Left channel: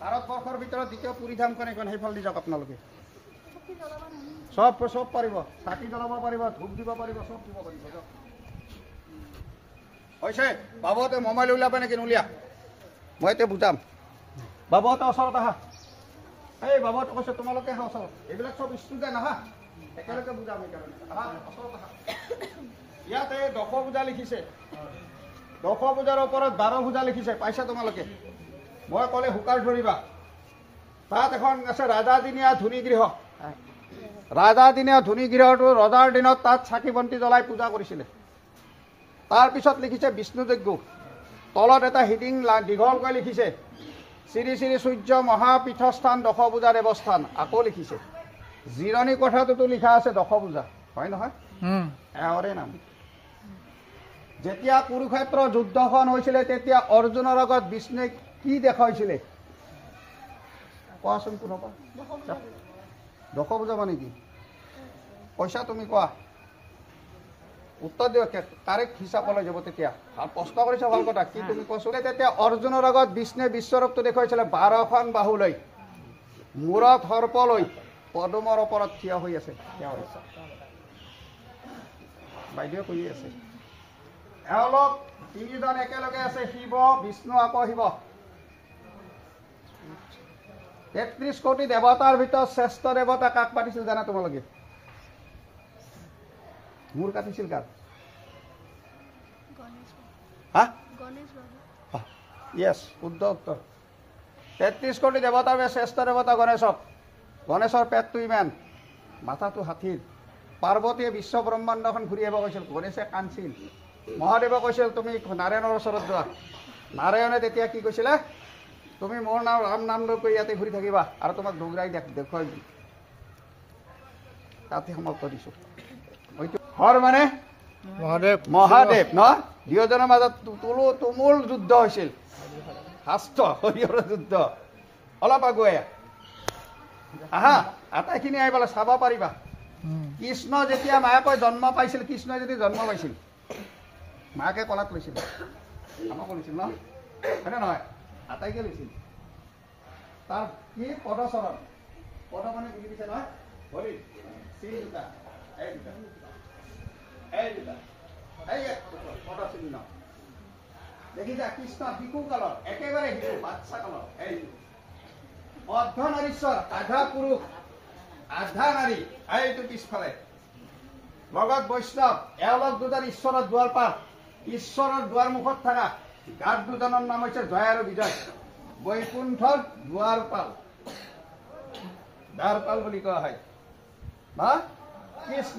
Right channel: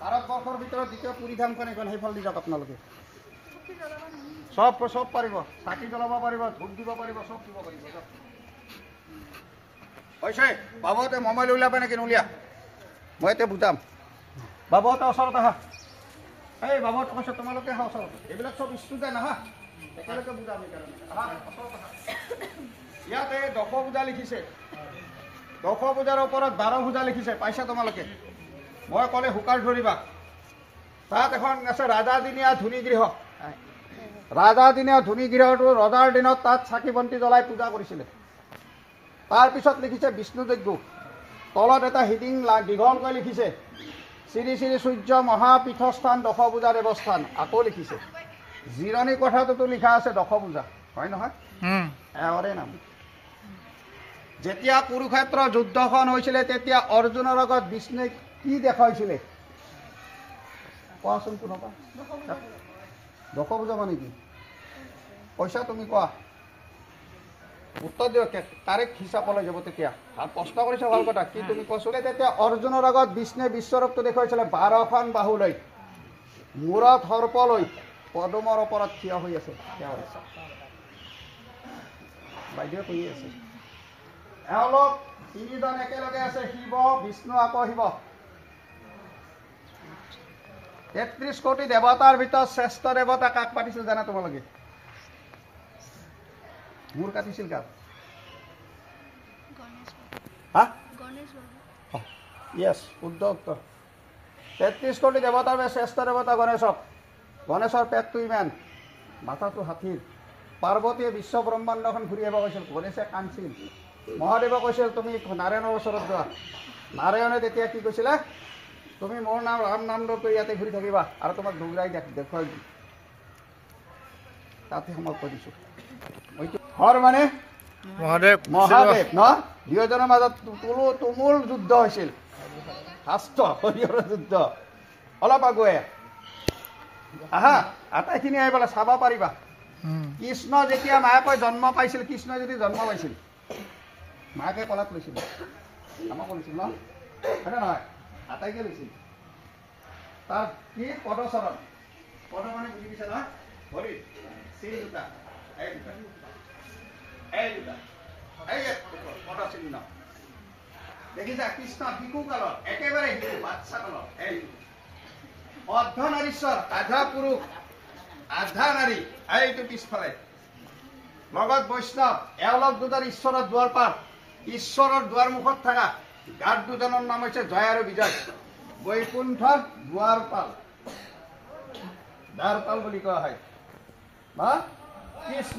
ভাৰতবৰ্ষৰ ভিতৰত দ্বিতীয় পুৰীধামখন এখন সেইফাল দি যাওক আপোনালোকে সব পাৰিব চাকি জ্বলাব পাৰিব ধূপ দিব পাৰিব সব দিব পাৰিব হৈছে বাবুহঁতে মোবাইল উলিয়াব নেকি নুলিয়া মই এতিয়া বুজাম বাবুহঁতে ওচৰত আহা এই বাবুহঁতে কৈছে তোমালোকে আহা ওচৰত এইবিলাক সব ষ্টুডেণ্ট আহা একেলগে বুজাম ইয়াতে 10 পূজা লিখিছে 10 পূজাৰ ওপৰত 12 পূজা লিখিছে পাইছে তোমালোকে মই ক'লে হুকাৰ ধৰিবা তাত এখন আছে ৰাজাদিনীয়া ধুনীগৃহ ৰাজাদিনীয়া ধুনীগৃহটো ৰজাৰ দিনত তাত চাকি বন্তি জ্বলাই পূজা কৰিছিলে তাৰপিছত লিখিছে বিষ্ণুযজ্ঞ তলত এটা হিডিং দীঘলকৈ লিখিছে শ্ৰী শ্ৰী সূৰ্য মহাপীঠস্থান 10 পূজা দেৱস্থান আকৌ লিখিছে জিৰণি কোঠাটোতো লিখা আছে 10 পূজা হয় নহয় এওৰে নাম যেতিয়া কুৰুক্ষেত্ৰ যুদ্ধখন হৈছিলে তেতিয়া অৰ্জুনৰ আগত বিষ্ণুৱে কি দেখাইছিলে কোৱাচোন কোনোবা 10 পূজা মানে কি পইচা তুমি কোৱা উত্তৰ দিও তাৰিখ হিচাপলৈ যাব তেতিয়া প্ৰশ্ন কৰিছে ভাল কথা কি তুমি কৈছিলে তেতিয়া অৰ্জুনৰ আগত বিষ্ণুৱে বিশ্বৰূপটো দেখুৱাইছিলে 12খন বাহু লৈ মূৰত সৰ্প লৈ পদুমৰ ওপৰত থিয় হৈ আছে বাইদেউ কৈ আছে এওঁলোক তিনিজন একেলগে আছে শিৱ বিষ্ণু আকৌ শিৱ 33 কোটি দেৱতাৰ ভিতৰত শ্ৰেষ্ঠ দেৱতা কাক পাতিছিল জানা তোমালোকে মূৰ কাটিছিল কাক ইয়েছ শুদ্ধ উত্তৰ 33 কোটি দেৱতাৰ শ্ৰেষ্ঠ দেৱতা গণেশৰ পেটটো ইমান মাথাটো হাতীৰ পাৰ্বতীয়ে বিশ্ব ব্ৰহ্মাণ্ডখন ঘূৰি আহিব কৈছিল গণেশে কান্দিছিল মহাদেৱে কৈছিল তুমি নাৰায়ণৰ ওচৰত যোৱা নাৰায়ণে তেতিয়া কি কৈছিলে তুমি মোৰ নাম ৰাম নাম লৈ ইয়াতে ঘূৰি থাকিবা আৰু তোমাক দৌৰাই দেখুৱাই দিম তাতে সমাপ্ত দিছোঁ হৰ মানে মহাদেৱ ন দুয়োজনৰ মাজত তুমুল যুদ্ধ হৈছিল শাস্ত্ৰ হৰিহৰ যুদ্ধ অলপ আগুৱাই আহা আটাইখিনি আহি পেলাই চাব পাৰিবা কৃষ্ণ যেতিয়া মায়াকৈ জন্ম পাইছিল কৃষ্ণ যদি জন্ম পাইছিল মাকে কলাত লৈছিল আমাক লৈছিল ন হয়নে নহয় আটাইকে লৈছিল তাত কি পদচৰণ পদ মানে বুজি পাইছে নহয় ভৰি চিন দুটা এই দুটা পদ চিহ্ন দেখিছা কৃষ্ণ শিশু কালত একেবাৰে শিশু বাচ্চা কালত এই অৰ্ধনাৰীশ্বৰ আধা পুৰুষ আধা নাৰী এইটো পিছফালে লগত বৈষ্ণৱ এওঁলোক দুজন ঈশ্বৰৰ দুৱাৰপাল ঈশ্বৰৰ দুৱাৰমুখত থকা গাত দুজনৰ নাম হৈছে জয় আৰু বিজয় বৈকুণ্ঠৰ দ্বাৰপাল বুলি কোৱা হয় কৃষ্ণ